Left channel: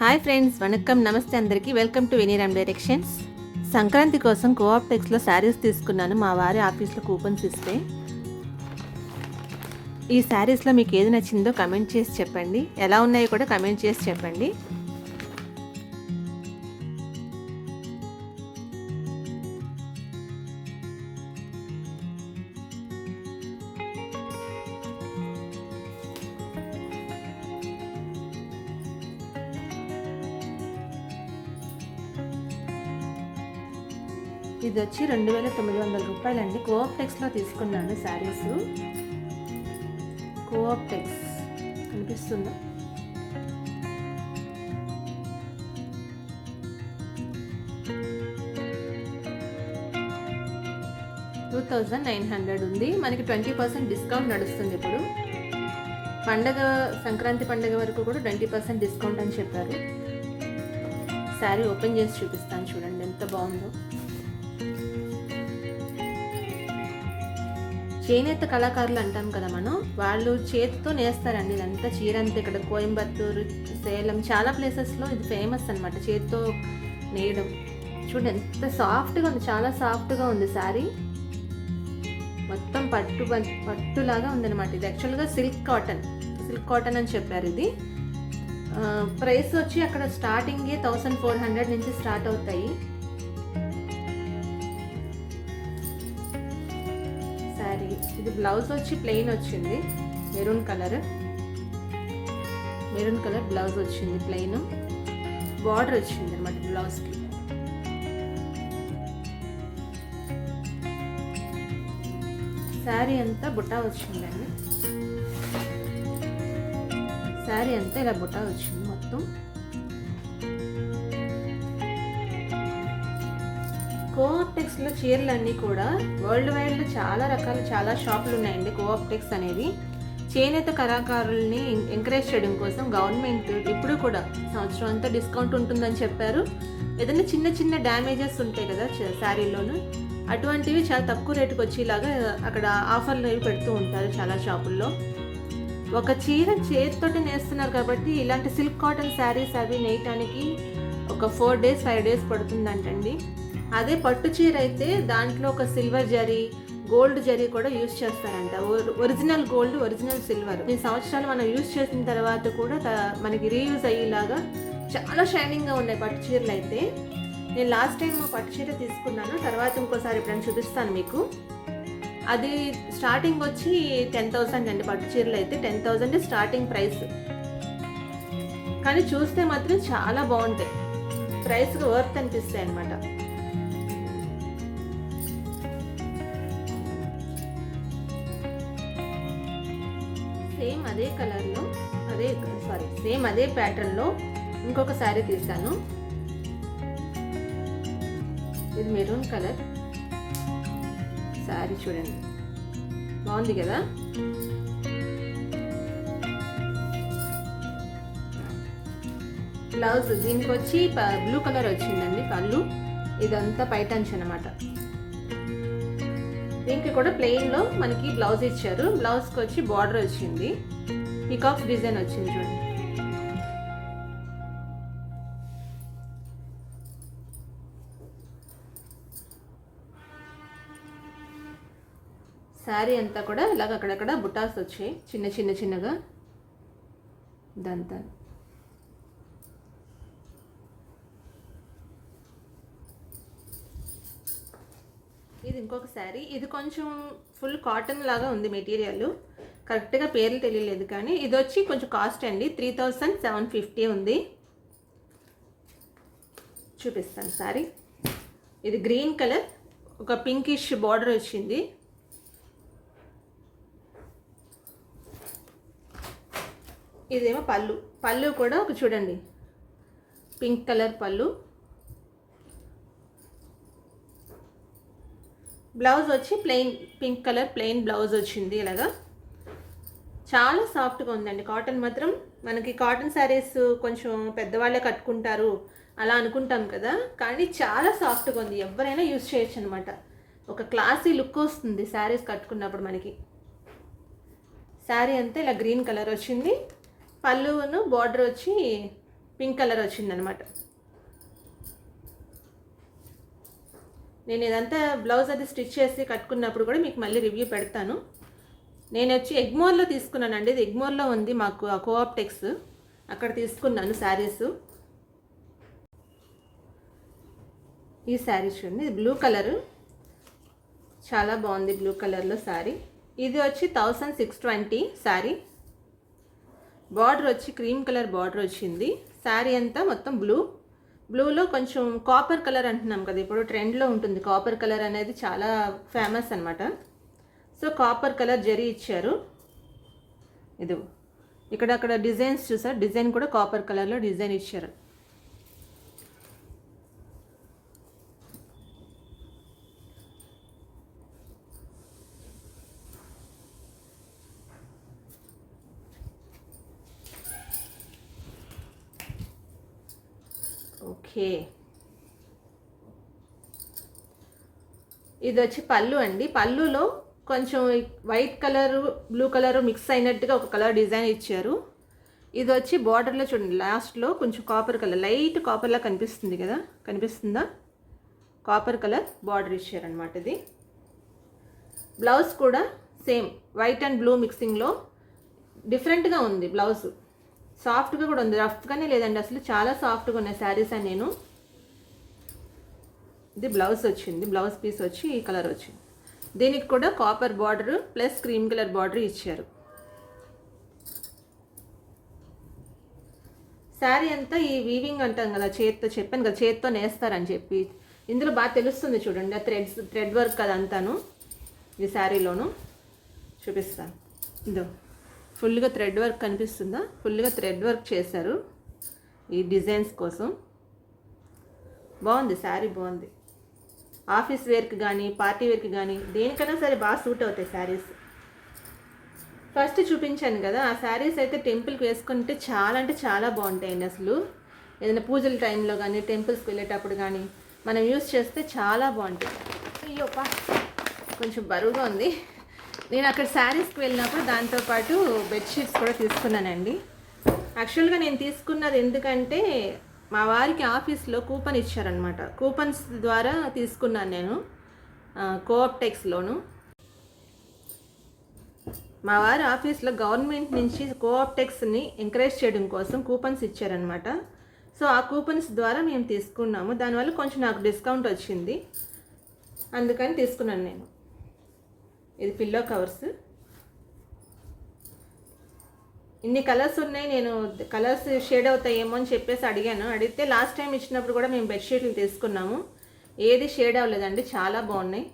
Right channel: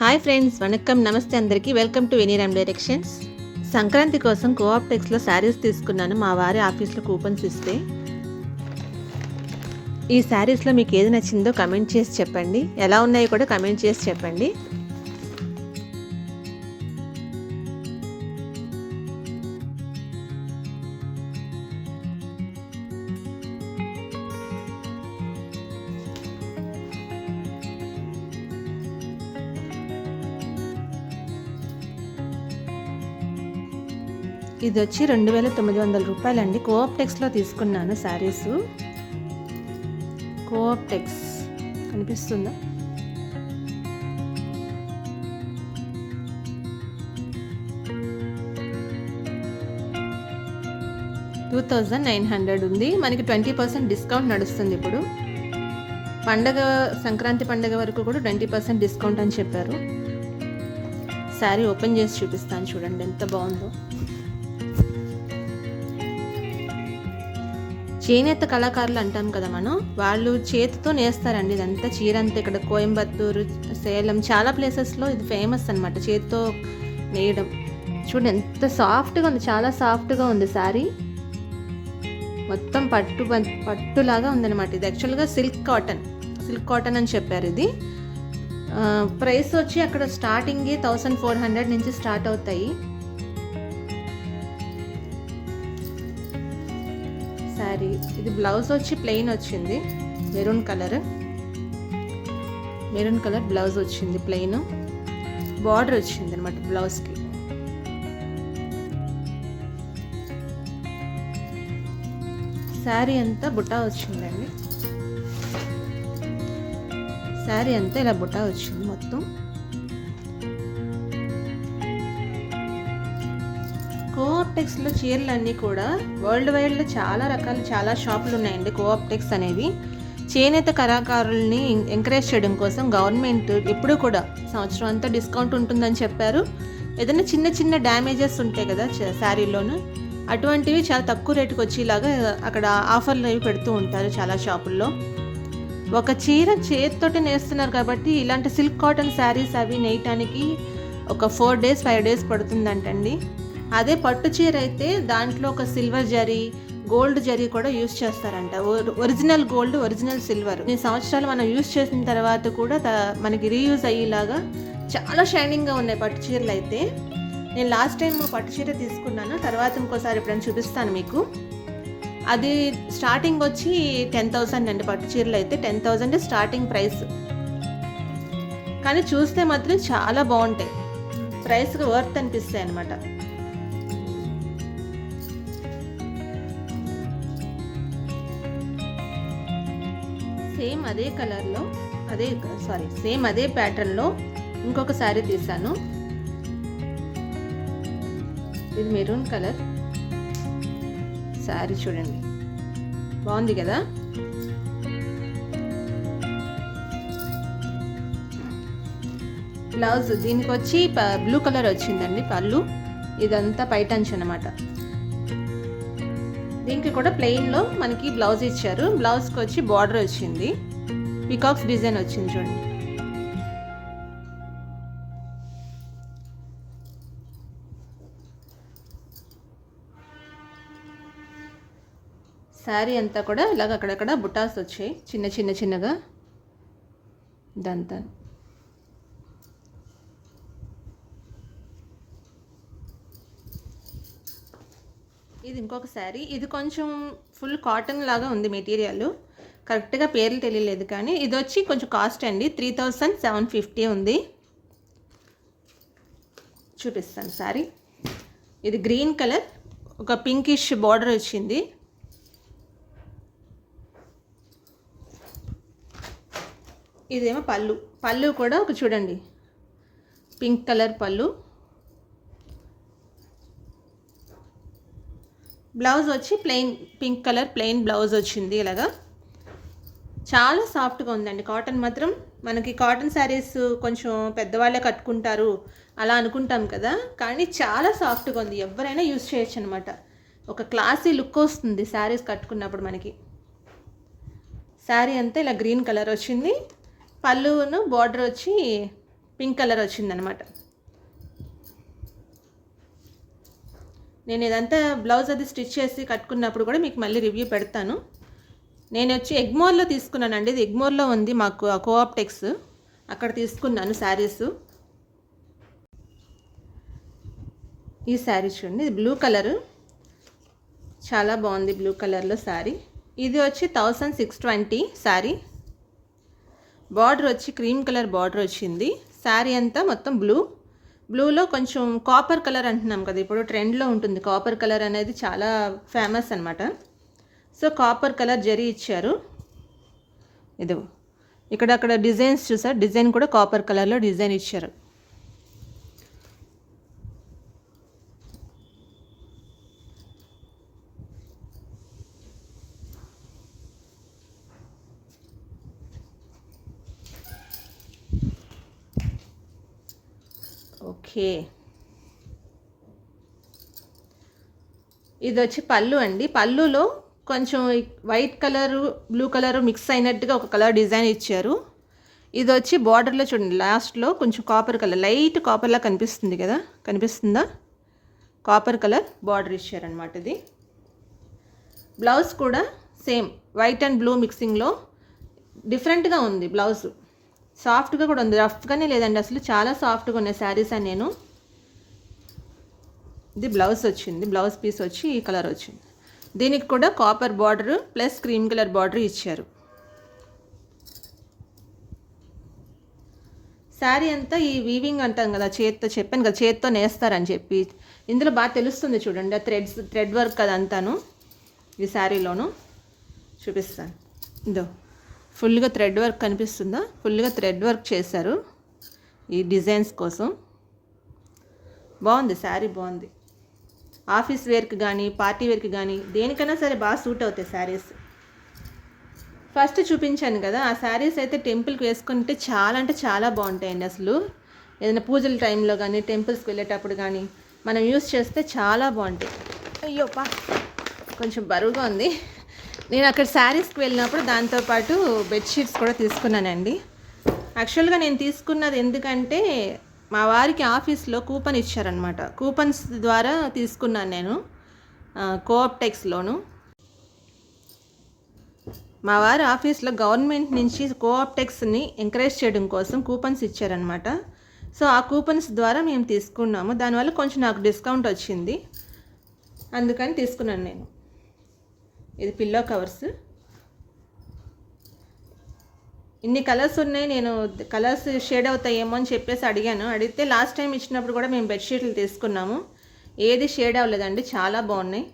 Hi friends, వణక్కం, నమస్తే అందరికీ. Welcome to Veniram directions. Sankranti కోసం కోఆప్టెక్స్లో శారీస్ తీసుకున్నాను. మా వారి ఆఫీస్లో కూపన్స్ ఇస్తే ఈ శారీస్లో మీకు ఏది నచ్చిందో కమెంట్ చేసి చెప్పండి. ఎలా ఉన్నాయో కూడా కమెంట్ చేసి చెప్పండి. ఇది వచ్చి 2900 రూపాయలండి. కోఆప్టెక్స్లో తీసుకున్నాను శారీస్. కోఆప్టెక్స్ కనిపిస్తుందా? $2900 ఉంది. మనకి 20% డిస్కౌంట్ నడుస్తుంది ఇప్పుడు. సంక్రాంతి పండగ వరకు కూడా 20% డిస్కౌంట్ అని చెప్పారు. శారీ ఓపెన్ చేసి చూపిస్తాను, చూడండి ఎంత బాగుందో. చేనేత కళాకారులు అంటాం కదా మనం, వాళ్ళు చేతితో నేస్తారండి ఇదంతా. చీర అంతా ఇక్కడ కోయంబత్తూరు, సేలం చాలా ప్లేసెస్లో ఇది ఫేమస్ అనమాట, చేతితో నేయడం. చూడండి ఎంత సాఫ్ట్గా ఉంది, చాలా సాఫ్ట్గా ఉంది శారీ. మొత్తం పట్టులాగా ఉందన్నమాట. ఇది యాక్చువల్గా సిల్క్ కాటన్ అని చెప్పారు. ఇది ప్రైస్ వచ్చి అక్కడ స్టార్టింగ్ 1400 నుంచి స్టార్ట్ అవుతాయి. శారీ ఇది బ్లౌజ్ వచ్చి ప్లెయిన్ వచ్చింది, మెరూన్ కలర్ బ్లౌజ్ వచ్చింది. ప్లెయిన్ బార్డర్ వచ్చింది అనమాట బ్లౌజ్కి. శారీ అంతా బుటా వచ్చిందండి. శారీ అంతా ఇలా బుటా వచ్చింది మొత్తం. కోఆప్టెక్స్లో చీరలన్నీ కూడా వరల్డ్ వైడ్లో చాలా రకాలు, చాలా షాపులు ఉన్నాయండి. కోఆప్టెక్స్ అనేవి చేనేత కళాకారుల్ని ఎంకరేజ్ చేయడం కోసం గవర్నమెంట్ ఎప్పుడూ కూడా సంవత్సరం అంతా డిస్కౌంట్ ఉంటుందని చెప్పారు. ఏదైనా చిన్న చిన్న డ్యామేజెస్ ఉంటాయి కదా శారీలోను, అటువంటివి చాలా తక్కువ రేటుకి వచ్చేలాగా అక్కడ ఆఫర్లు అవి పెడుతూ ఉంటారు చాలా షాపుల్లో. ఒక చీర చేతితోటి నేస్తున్నారు కాబట్టి ఇలాంటి సిల్క్ కాటన్ శారీస్ అవి నేయటానికి ఒక 4 days 5 days పడుతుందంటండి. అదే పట్టు చీర అయితే దాంట్లో ఒక సిల్వర్ జరీ, గోల్డ్ జరీ కూడా యూజ్ చేస్తారంట. Original gold, original silver. ఈ సంవత్సరాలు మనం యూజ్ చేసిన తర్వాత కూడా మనకి రీయూజ్ అయ్యేలాగా చాలా షైనింగ్గా ఉన్నాయి పట్టు చీరలు అయితే. నేను లాస్ట్ టైం పట్టు చీర తీసుకున్నాను, తర్వాత ఇంకోసారి ఎప్పుడైనా చూపిస్తాను మీకు. అది స్టార్టింగ్ వచ్చి 10,000 అండి. పట్టు చీరలు అయితే 10,000 స్టార్టింగ్ ప్రైస్. కానీ చూస్తే మాత్రం చాలా బాగుంటాయి, ప్రైస్కి వర్త్ అనిపిస్తాయి అన్నమాట. సేమ్ అదే కలర్లో, సేమ్ అదే ప్యాటర్న్లో ఇంకొక శారీ తీసాను. ఇది మెరూన్ కలర్ శారీ, చూడండి బాగుంది కదా. బ్లౌజ్ దీనికి వచ్చి బ్లూ కలర్ వచ్చిందండి పళ్ళు. ఇదంతా పైటంచ్ అనమాట. దీనికి కూడా ప్లెయిన్లో మనకి బ్లౌజ్ ఇచ్చారు. బ్లౌజ్కి వచ్చి బార్డర్ వచ్చింది, పీకాక్స్ డిజైన్ వచ్చింది చూడండి. శారీ అంతా కూడా ఇలాగ అక్కడక్కడ బుటాస్ వచ్చాయి చిన్నగా. ఇదంతా ఇది ఇంకొక శారీ. ఇది కొంచెం ఫుల్ కాటన్ లాగా ఉంది మెటీరియల్, కరెక్ట్గా పేర్లు తెలియలేదు. కానీ ఇది వచ్చి కొంచెం కాస్ట్ అండి, 3750 ఉంది. చూపిస్తాను శారీ. ఇది గ్రీన్ కలర్, ఒక పింకిష్ బార్డర్ వచ్చింది. ఇదేమో పళ్ళు కూడా ఒక చూడండి, పింక్ కలర్ పళ్ళు. బ్లౌజ్ వచ్చి plain pink colour plain blouse వచ్చింది. ఇలాగా చాలా సాఫ్ట్గా ఉందండి. కాటన్ మాత్రం మనకి కాటన్ శారీస్ కొంచెం పెద్దవాళ్ళే కట్టుకుంటారు అలా అనుకుంటాం కదా, కానీ చాలా సాఫ్ట్గా ఉంది. ఎవరైనా యూజ్ చేయొచ్చు అనమాట. ఒక క్లాసీ లుక్ వస్తుంది శారీస్ కట్టుకున్నప్పుడు మనకి. శారీ అంతా ఇలా గ్రీన్ కలర్ వచ్చింది. పళ్ళును బార్డర్ వచ్చి పింక్ కలర్ వచ్చిందనమాట. నేను ఇదంతా బ్లౌజ్ అది స్టిచ్ చేసి కట్టుకున్నప్పుడు కూడా మీకు మళ్ళీ రివ్యూ పెడతాను. నేను వచ్చి ఎగ్మోర్లో తీసుకున్నానండి. ఇది ఎగ్మోర్లో ఉంది మాకు కోఆప్టెక్స్, అక్కడ తీసుకున్నాను శారీస్. ఈ శారీ చూడండి, ఇది బ్లూ కలరు, చాలా బాగుంది బ్లూ కలర్లో శారీ. ఇది వచ్చి 1620 శారీ. బార్డర్ వచ్చి క్రీమ్ కలర్ బార్డర్ వచ్చింది. శారీ అంతా మొత్తం బ్లూలో కొంచెం కాపర్ కలర్ అంటున్నాం కదా, ఇప్పుడు ట్రెండ్లో ఉంటుంది కాపర్ కలర్ అనేది, చాలా ఫేమస్ అనమాట. సో కాపర్ కలర్ జరీ ఇచ్చారు. ఇది అక్కడ డిజైన్స్ చూసారు, డిజైన్ కూడా కాపర్ కలర్లో డిజైన్ ఇచ్చారు. ఓకే, ఇది వచ్చి పళ్ళు అండి. పళ్ళులో కొంచెం white colour blue colour mix అయినట్టుగా ఒక కలర్ డిజైన్ ఇచ్చారు. ఇది వచ్చి బార్డర్లో చూడండి, లాస్ట్లో కొంచెం కాపర్ కలర్, లైట్ కాపర్లా కనిపిస్తుంది కదా, కనిపిస్తుందా, కాపర్ కలర్ బార్డర్ ఇచ్చారనమాట. ఇది బ్లౌజ్ కూడా సేమ్ వైట్ అండ్ బ్లూ మిక్సింగ్లో డిఫరెంట్గా ఉంది బ్లౌజ్. సాఫ్ట్గా కూడా ఉంది, రఫ్గానే లేదండి అసలు, చాలా సాఫ్ట్గా ఉన్నాయి శారీస్ అని. నేను ఇది బ్లౌజ్ వచ్చింది, బ్లౌజ్ పీస్ వచ్చి ఈ కలర్ వచ్చింది. దీనికి కూడా copper border plus cream colour border ఇచ్చారు. శారీ అంతా ఈ వీవింగ్ అంటాం కదా, చేత్తో చెప్పాను కదా, చేత్తో నేస్తారని చెప్పి. ఇందులో బాగా తెలుస్తుంది చూడండి, ఆ థ్రెడ్ వర్క్ అదంతాను ఈ శారీలోను. చూపిస్తాను, ఇదో ఫుల్గా థ్రెడ్ వర్క్ కనిపిస్తుందా, ఫుల్గా థ్రెడ్ వర్క్ చేశారు ఈ డిజైన్స్ కోసం. బాగుంది శారీ, బాగుంది. ఆఫీస్ వేర్కి కానీ పార్టీ వేర్కి కానీ దేనికైనా సరే బాగా సూట్ అవుతాయి శారీస్. ఫస్ట్ చూపించాను కదా ఆ శారీస్ అయితే టెంపుల్కి వేసుకుంటే చాలా అంటే చాలా బాగుంటాయండి అసలు. ఏదైనా పూజల టైంలో కానీ టెంపుల్స్కి వెళ్ళేటప్పుడు కానీ మనం యూస్ చేస్తే చాలా బాగుంటాయి. అయ్యోపా కొంచెం బరువుగా ఉంది. నేను అక్కడ శారీస్కి వెళ్ళినప్పుడు దాంతోపాటు బెడ్షీట్స్ కూడా తీసుకున్నానండి. యాక్చువల్గా నేను తీసుకున్నది ఎందుకంటే మా వారికి ఆఫీస్లో కూపన్ ఇచ్చారనమాట. కూపన్స్ ద్వారా తీసుకున్నాను నేను కోఆప్టెక్స్లోను. మా వారి ఆఫీస్లో గవర్నమెంట్ నుంచి కోఆప్టెక్స్ని ఎంకరేజ్ చేయడం కోసం కూపన్స్ ఇచ్చారనమాట. సో ఆ కూపన్స్ ద్వారా మేము తీసుకున్నాము. దానివల్ల కొంచెం నాకు డిస్కౌంట్ వచ్చింది, అందుకని తీసుకున్నాను నేను. ఇది పిల్లో కవర్స్, ఇన్ని కలర్స్ ఉన్నాయి. నేను కలర్స్ షేడ్ అవుతాయేమో అని చెప్పేసి అడిగితే లాస్ట్ టైం ఇచ్చినప్పుడు కూడా మేము బెడ్షీట్లు తీసుకున్నాము, ఏది షేడ్ అవ్వలేదండి, చాలా బాగున్నాయి.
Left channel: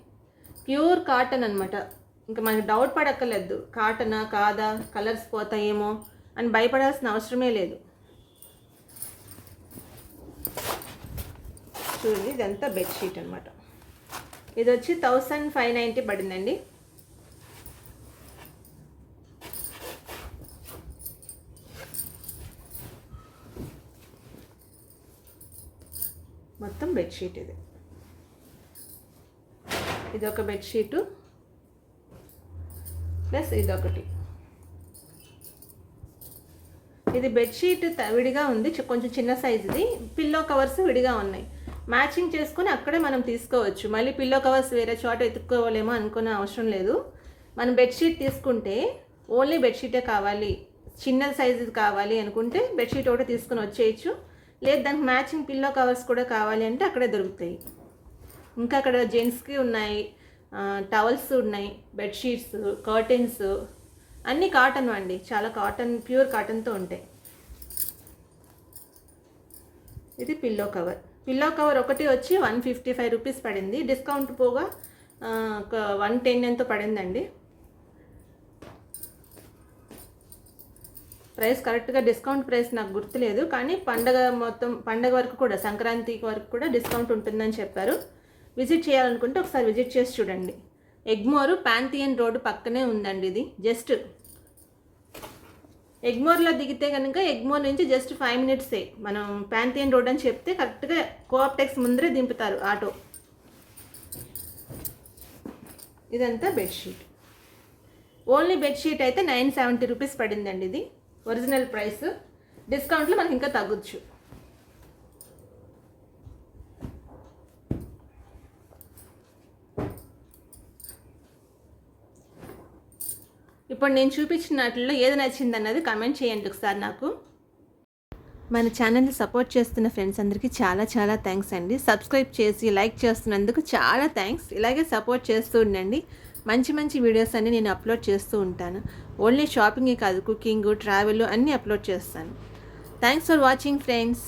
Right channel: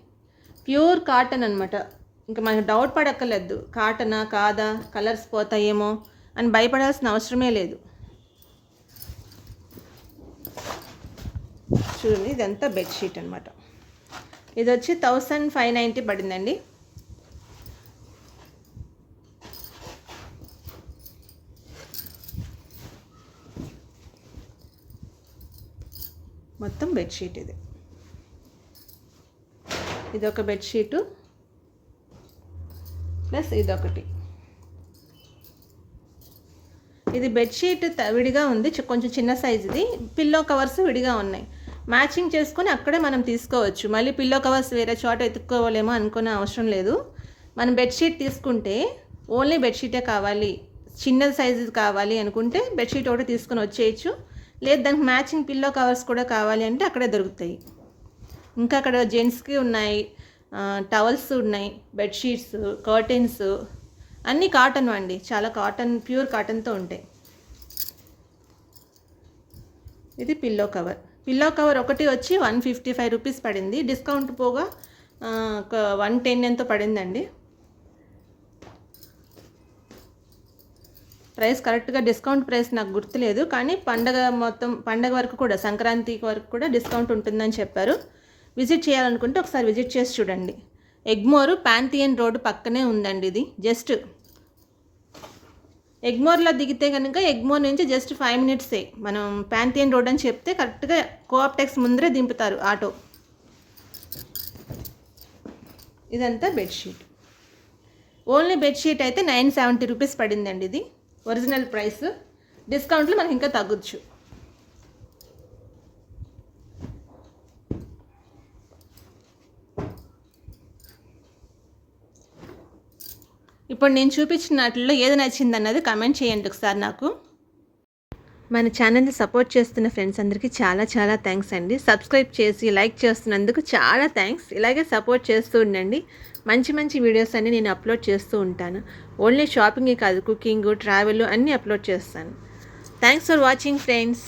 ప్యూర్ కాటన్ అనమాట. ఇంకా మనకు డౌట్ పడక్కర్లేదు కాటనా కాదా, కలర్స్ పోతాయేమో అని భయపడాల్సిన అవసరమే లేదు. చూడండి, ఇదంతా బెడ్షీట్ అనమాట. ఇది వచ్చి 1590 పడిందండి. మొత్తం బెడ్షీట్ ఇది ఒక బెడ్షీటు ప్లస్ ఇదొకటి. ఇది బెడ్షీట్ విడిగా ఉంది, కొంచెం చిన్న సైజుది. పిల్లో కవర్స్ విడిగా ఉన్నాయి, మ్యాచింగ్ చేసుకొని అక్కడే మనం తీసుకోవచ్చు. మళ్ళీ పిల్లో కవర్స్ వేరే చోట ఎత్తుక్కోవాలేమో అనుకునే అవసరం లేదు. మనం బెడ్షీట్ తీసుకుంటే ఓన్లీ బెడ్షీటే కావాలి, చిన్న సైజు కావాలి అనుకుంటే బెడ్షీట్ ఒకటి తీసుకొని వచ్చేయచ్చు. లేదు దానికి మ్యాచింగ్ పిల్లో కవర్స్ కూడా కావాలి అంటే అక్కడే దొరుకుతాయి. ఇంకా అక్కడ జెంట్స్కి ఉన్నాయి, టవల్స్ ఉన్నాయి, బెడ్షీట్స్, కర్టెన్స్ అన్నీ కాటన్ అండి, చాలా కాటన్, ప్యూర్ కాటన్తో ఉంటాయి. ఇది పిల్లో కవర్ ఒకటి వచ్చి 155 రూపీస్ పడింది, డిస్కౌంట్ పోగా ఒక 110 ఎంతో పడిందండి. ప్రైస్ కరెక్ట్గా డిస్కౌంట్ ప్రైస్ నాకు గుర్తులేదు, కానీ పండగ వరకు కూడా, సంక్రాంతి వరకు కూడా డిస్కౌంట్ ఉంటుందని చెప్పారు. విజిట్ చేయాలనుకుంటే ఒకసారి విజిట్ చేసి చూడండి. ఎగ్మోర్ పాంథియన్ రోడ్డు పక్కనే ఉందండి. ఇది జస్ట్ ఎగ్మోర్లో దిగితే కనుక ఎగ్మోర్ నుంచి జస్ట్ 5 మినిట్సే. మనం పాంథియన్ రోడ్ అని చెప్తే కరెక్ట్గా కోఆప్టెక్స్ ముందరే దింపుతారు ఆటో. ఇదంతా బెడ్షీట్. ఓన్లీ బెడ్షీట్ అయితే 970 రూపీస్ పడిందండి. ఇది ఒరిజినల్ ప్రైస్, డిస్కౌంట్లో మనకి ఇంకా తగ్గొచ్చు. ఇప్పుడు నేను చూపించిన వాటిల్లో ఏది నచ్చిందన్నది కమెంట్ చేయండి ఒకసారి నాకు. మన ఛానల్ని సపోర్ట్ చేస్తున్న ఫ్రెండ్స్ అందరికీ చాలా చాలా థ్యాంక్స్ అండి. సబ్స్క్రైబ్ చేసి లైక్ చేస్తున్నందుకు చాలా థ్యాంక్స్. ఇలాగే సపోర్ట్ చేస్తూ ఉండండి. మంచి మంచి వీడియోస్ అన్నీ నేను అప్లోడ్ చేస్తూ ఉంటాను. ఓన్లీ షాపింగే కాదు, కుకింగ్, ట్రావెల్ అన్నీ అప్లోడ్ చేస్తాను. Thanks for watching friends.